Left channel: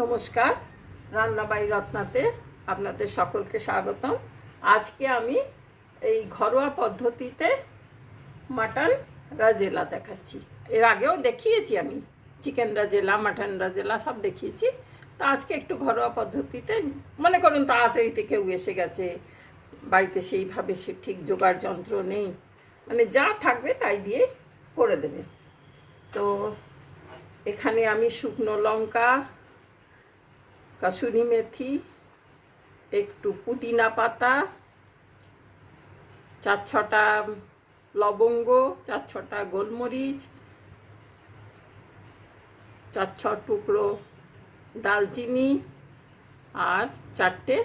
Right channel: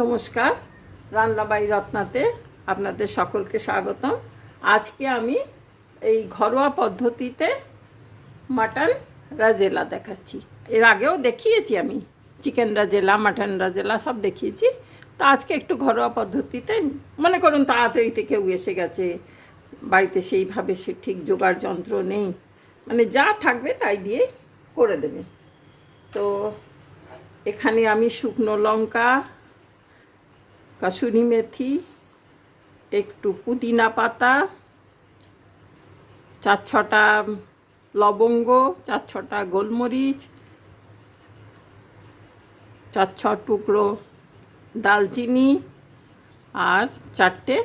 নমস্কার, রান্নাবাই রত্নাতে আপনাদের সকলকে স্বাগতম। আজকে আমি এই ঘরোয়া পদ্ধতিতে মাটন রাজেলা দেখাচ্ছি। এর আগেও দেখিয়েছি, আমি চিকেন রাজেলা, মাটন রাজেলা সব দেখিয়েছি। তো আজকে একটু ঘরোয়া পদ্ধতিতে, মনে করুন তাড়াতাড়িতে কেউ এসে গেছে, বাড়িতে সেইভাবে সে ঠিক জোগাড় যন্ত্র নেই, মানে যা থাকবে তাই দিয়ে করে দেবে। তো এখানে আমি শুকনো লঙ্কা, কাসুরি মেথি, একটু পুদিনা পাতা, 4-6টা লবঙ্গ, 4-6টা গোলমরিচ, 4-6 টুকরো দালচিনি, আর 4টে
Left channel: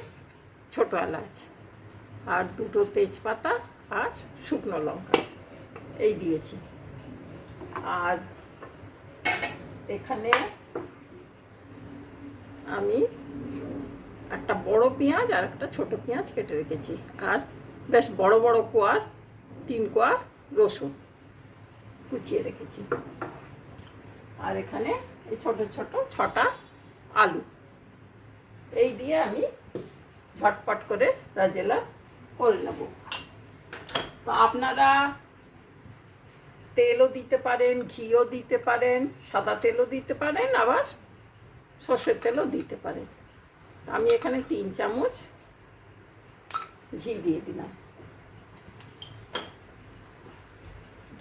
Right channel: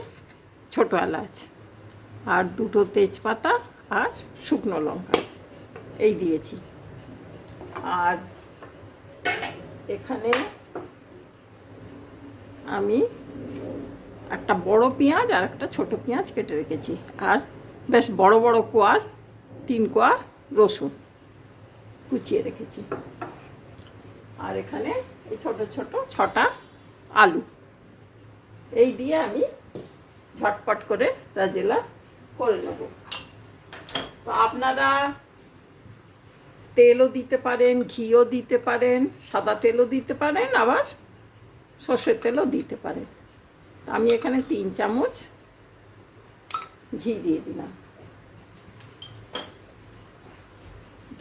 ছোটো এলাচ, আর 2টো তেজপাতা, আর শুকনো লঙ্কা এই দিয়েছি। আর এখানে আমি একটা বড় পেঁয়াজ আর একটা ছোট পেঁয়াজ কেটে রেখেছি, আর বেশ বড় বড় কোয়ার 3 কোয়া রসুন কুচিয়ে রেখেছি। আর এখানে এই ছোট ছোট 6টা আলু, এই দিয়ে আমি ঝটপট করে রাজেলা করে নেব। তো আপনারা তেলও দিতে পারেন, ঘিও দিতে পারেন, সাদা তেলও দিতে পারেন, আবার সর্ষের তেলও দিতে পারেন। আমি এখানে 3 চামচ ঘি দিয়ে দিলাম।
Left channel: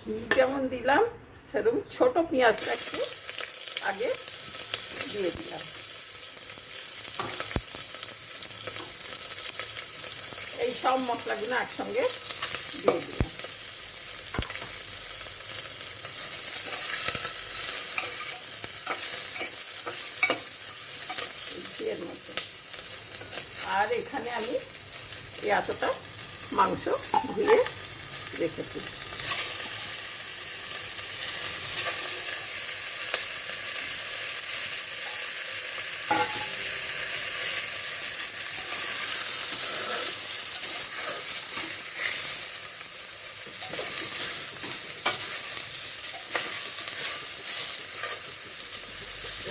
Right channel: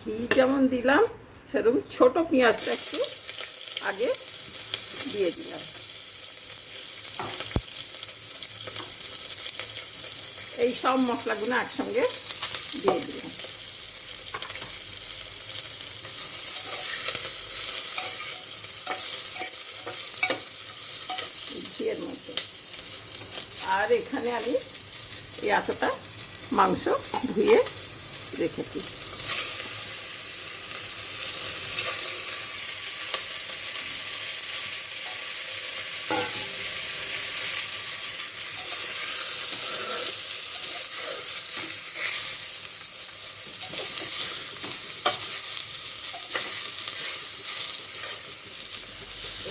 ঘি যেমন দিলাম সেরকম ছোট পেঁয়াজটা একটু আগে দিয়ে দিলাম। এই সব মশলাগুলো একসঙ্গে দিয়ে দিলাম। ঘিয়ের মধ্যে আর এখানে আমি এতটা মাংস ধুয়ে রেখেছি।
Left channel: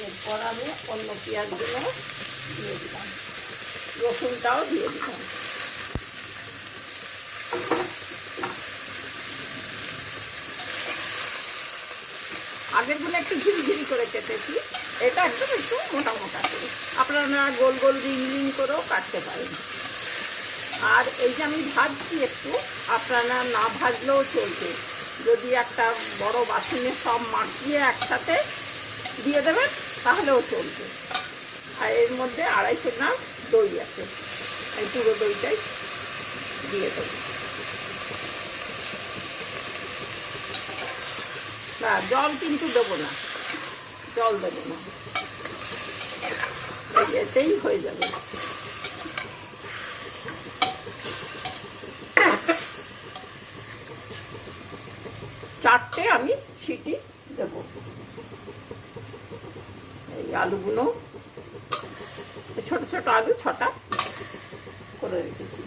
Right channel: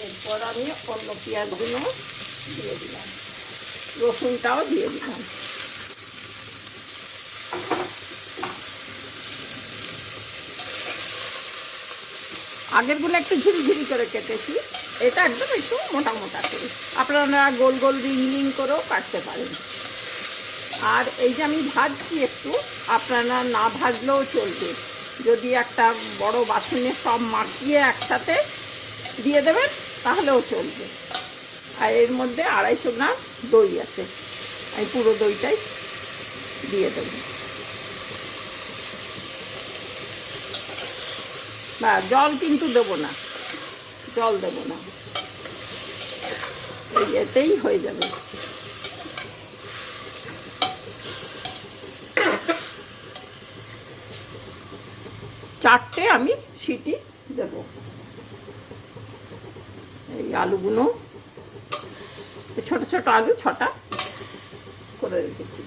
এরপর আমি অন্য পেঁয়াজগুলো দিয়ে দিলাম, রসুনটাও দিয়ে দিলাম। আগেরগুলো একটু ঝিরিঝিরি করে কেটেছি, এটা একদম একটু মোটা মোটা করে, আপনারা গোল গোল রিং রিং করেও কাটতে পারেন। আর এই যে আমি ভাজছি একটু, আপনারা না ভাজলেও চলবে, যদি একটা বড় বাসনে সব মাখিয়ে একসাথে দিয়ে দেবেন তাহলেও চলবে। আর এর মধ্যে 250 গ্রাম দই আছে, আমি পুরো দইটাই দিয়ে দেব। না, জল কিন্তু দেবো না, জল দেবো না, এতেই হয়ে যাবে। চারটে আমি সিটি দেব। এই আলুগুলো, ছোট ছোট আলু 6টা করে রেখেছি।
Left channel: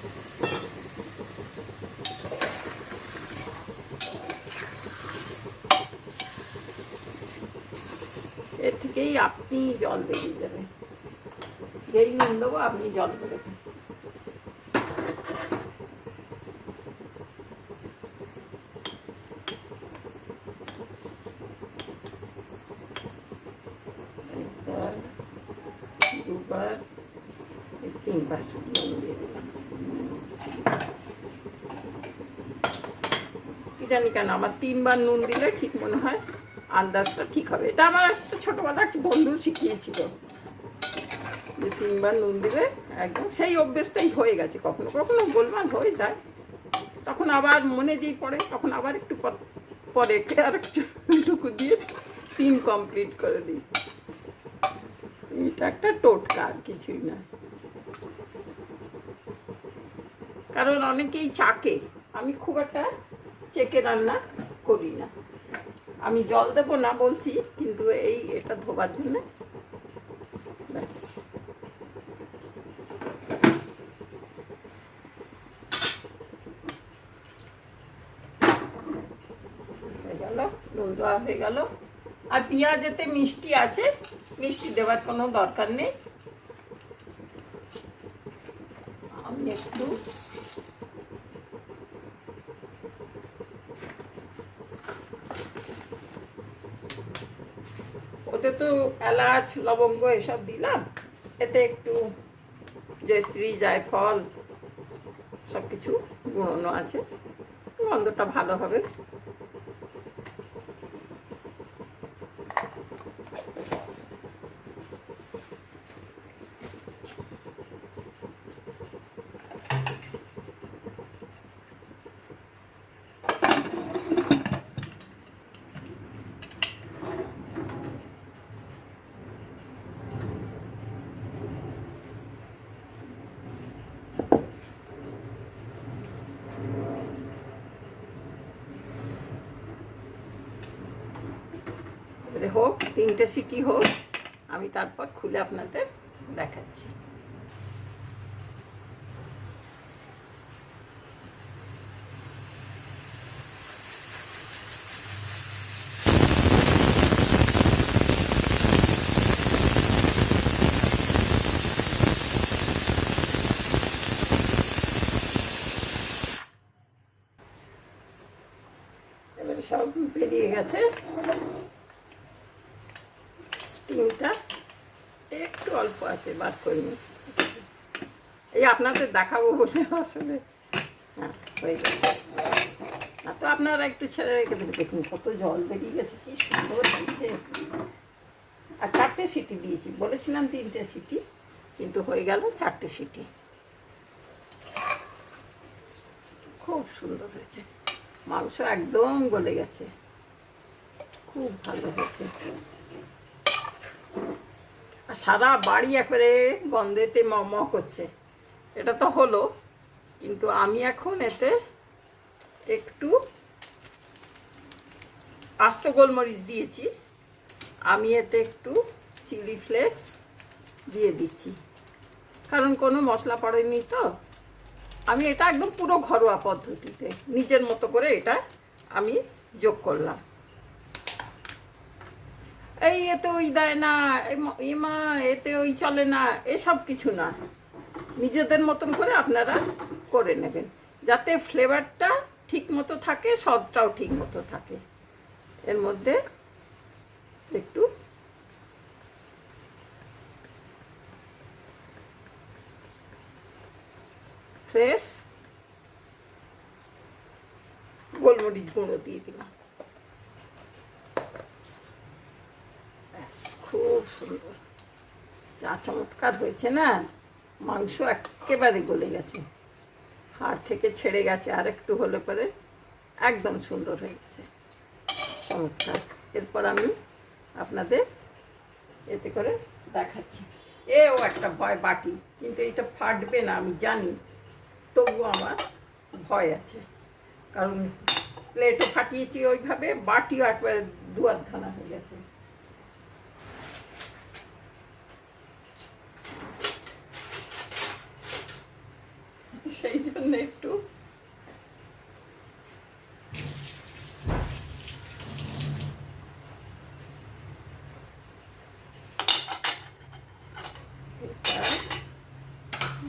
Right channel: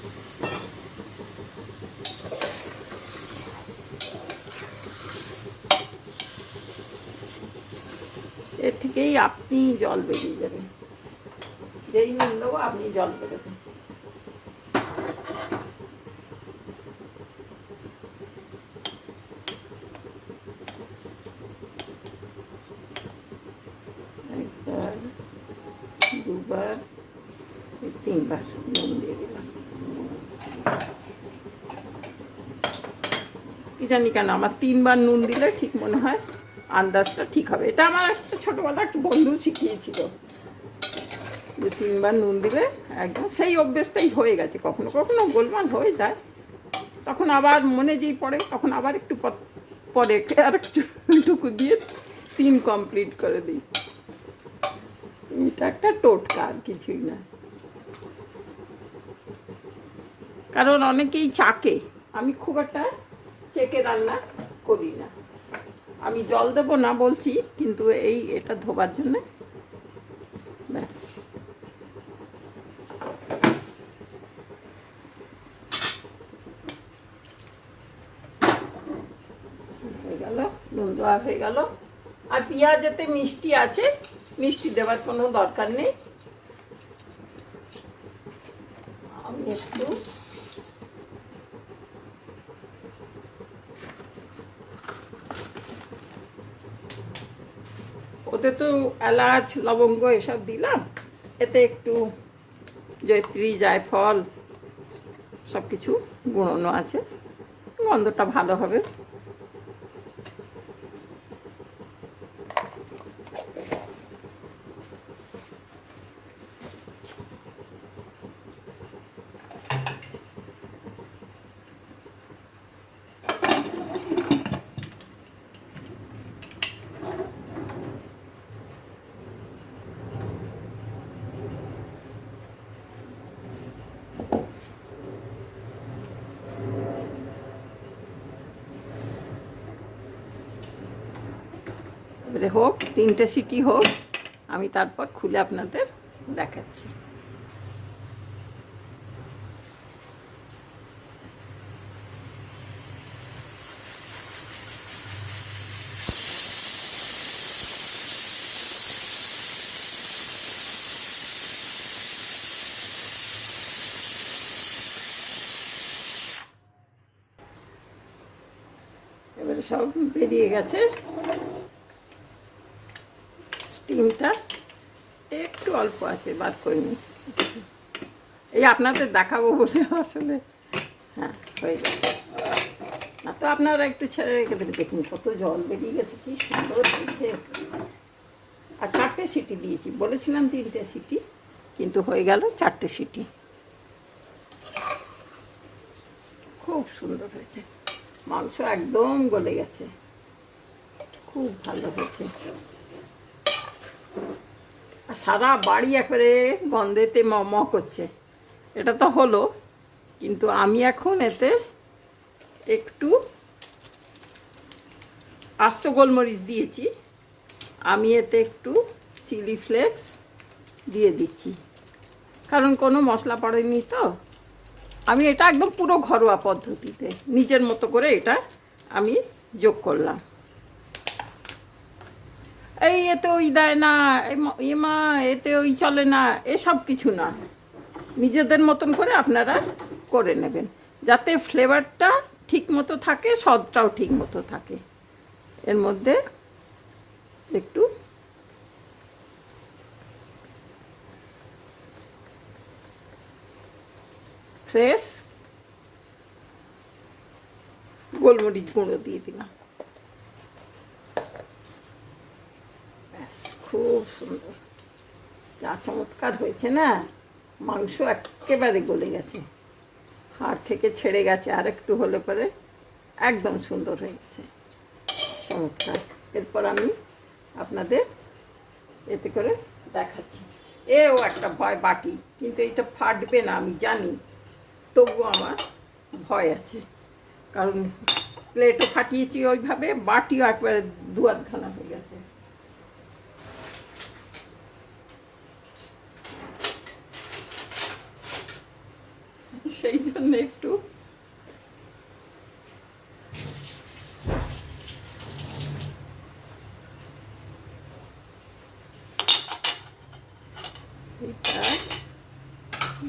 এর থেকেই আপনি জল বেরিয়ে যাবেন, যেই নুন দেবো আপনি জল বেরোবেন। দুবার, 3বার নুন দিয়ে দিলাম। কি জানি কেন আমার 3বার নুন দিলে ঠিক মনে হয় আন্দাজটা ঠিক হবে। এটা আমার একটা ছোটোবেলা একটা বন্ধু শিখিয়েছিল যে 3বার নুন দিলে একদম, সেই অভ্যেসটাই হয়ে গেছে। কখনো কখনো গোলমাল হয়ে যায়, তখন আবার মনে যেই পড়ে তখন আবার একটু পরে আর একটুকু দিয়ে 3 কমপ্লিট করে দিই। এটা একটা টোটকা, আর কিছুই না। কারণ অনেকেই চাকে, আমি খুব একটা চেকে রান্না করি না। আমি জল দেবো না বলছি, কিন্তু এটা ধোবার জন্য ব্যাস। হয়ে গেল, নুন দেওয়া হয়ে গেল। আর পেঁয়াজ এতে মিষ্টি আছে, মিষ্টি দেওয়ার কোনো দরকার নেই। আমি একটু ওতে তো এলাচ লবঙ্গ এসব দিলাম, এতে একটু জয়ত্রী জায়ফল সব কিছু গুঁড়োনো আছে, গন্ধটা ভালো হবে। এবারে হোক, 3টে সিটি হোক, আমি তারপর খুলে আপনাদের দেখাচ্ছি। এবারে সব বেরিয়ে গেছে, স্টিমটা একটু অল্প আছে, বাদ করে নিই। এই আপনাদের দেখাবো বলে আসলে, হ্যাঁ হয়ে গেছে। তো আপনারা একটু ছেড়ে রেখে দেবে, দেখুন কত জল বেরিয়ে গেছে, কি সুন্দর দিচ্ছে। আর 4টে সিটি দিয়েছি, বলেছিলাম 3টে সিটি, কিন্তু হয়ে গেল 4টে সিটি। খুব সুন্দর হয়েছে, মাংস একদম গলে গেছে, খুব ভালো হয়েছে। আর সারা বাড়ি একবারে গন্ধেতে ম করছে। এটা তো হলো, কিন্তু আমি এখন এতে একটু আস্ত গোলমরিচ দিয়েছি, আমি এতে একটু চিলি ফ্লেক্স দিয়ে দিচ্ছি, কারণ কোনো মশলা পড়েনি তো। আমি এটা একদম পুরো ঘরোয়া পদ্ধতিতে নিজের মতো করে এটা আমি যোগ করলাম। এই এতে ওই দেয় না, মা এতে ওই চলে না, এসব কিছু না, নিজেদের মতন করে আপনারা করে নেবেন, যাতে ফ্লেভারটা ঠিক মতো থাকে, স্বাদটাও ঠিক মতো থাকে। এর মধ্যে একটু ফ্রেশ গোলমরিচ গুঁড়ো দিয়ে দিলাম, ব্যাস, খুব সুন্দর, যা চমৎকার হয়েছে না। মাংস একেবারে গলে গেছে, হাড় থেকে ছেড়ে গেছে, আর একটু হলে পরে একদম সুন্দর হয়ে গেছে, চমৎকার। এরপর আমি আপনাদের এতে করে দেখাচ্ছি। এও একটা ভয় বাটি, কিন্তু এটা ফাটবে না আমি জানি, তবুও আমার ভয় আছে, কারণ প্লেটও ফাটিয়েছি ওইভাবে, বাটিও একবারে 2-আধখানা হয়ে গেছে। সেই জন্য একটু এটা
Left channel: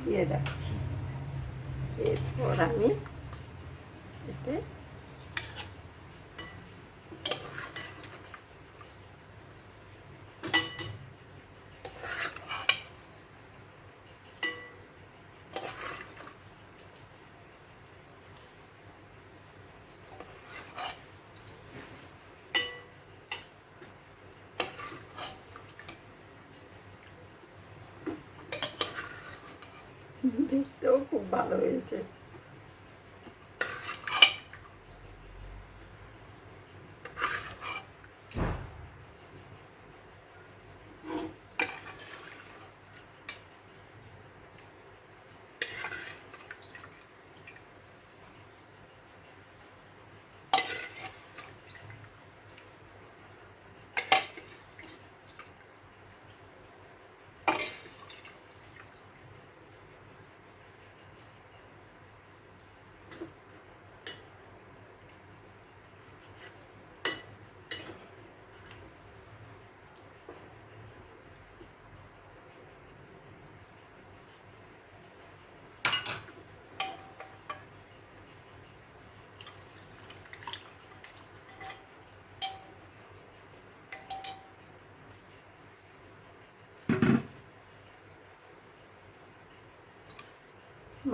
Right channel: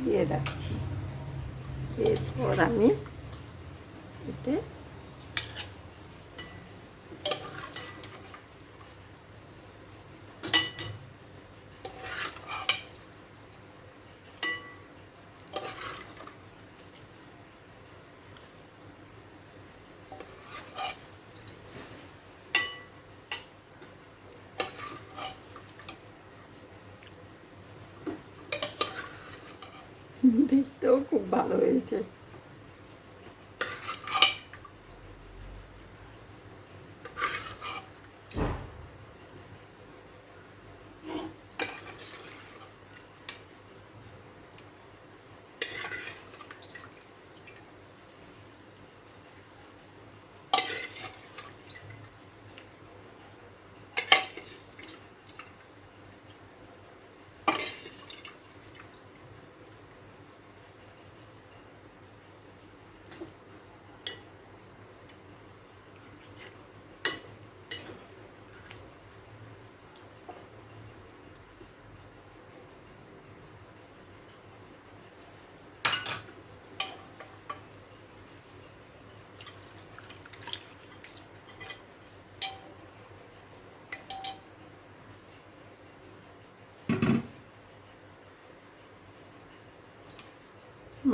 দিয়ে রাখছি। এরপর আমি এতে দেখতেও খুব ভালো হয়েছে।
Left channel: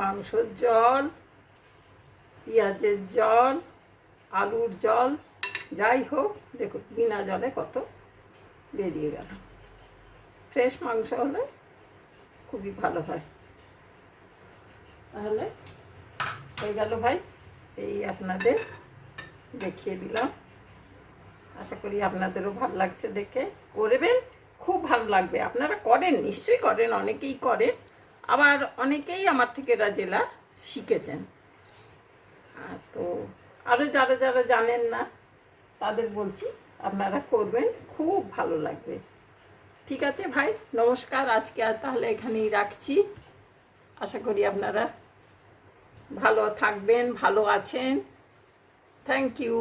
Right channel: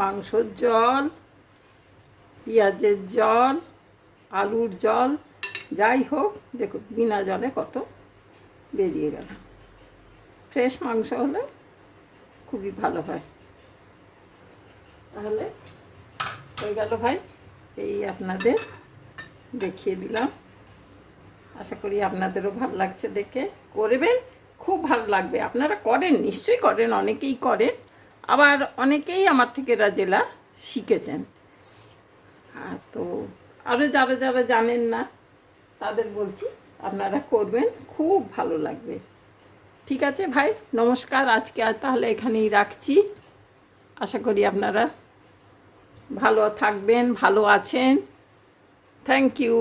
মাংসর জল, পেঁয়াজের জল, আলুর জল, যাই হোক দেখুন বিনা জলে কত বেরিয়ে গেল। ফ্রেশ মাংস হলে খুবই ভালো হয়। তাহলে হয়ে গেল ভাই, এই আপনাদের দেখিয়ে দিলাম। আশা করি আপনাদেরও ভালো লাগছে দেখে। করবেন, খুব ভালো লাগবে। আপনারা করেন, নিশ্চয়ই করেন, অনেকেই করেন, আবার অনেকেই আমার থেকে রাজেলা শিখেছেন। তো আরও যারা যারা জানেন না তাদের বলছি আপনারা করবেন, খুব ভালো লাগবে। ঠিক আছে ভাই, নমস্কার। আজকে আর তাহলে এখানেই রাখছি। আশা করি আপনারা ভালো থাকবেন, ভালো আছেন। Thank you.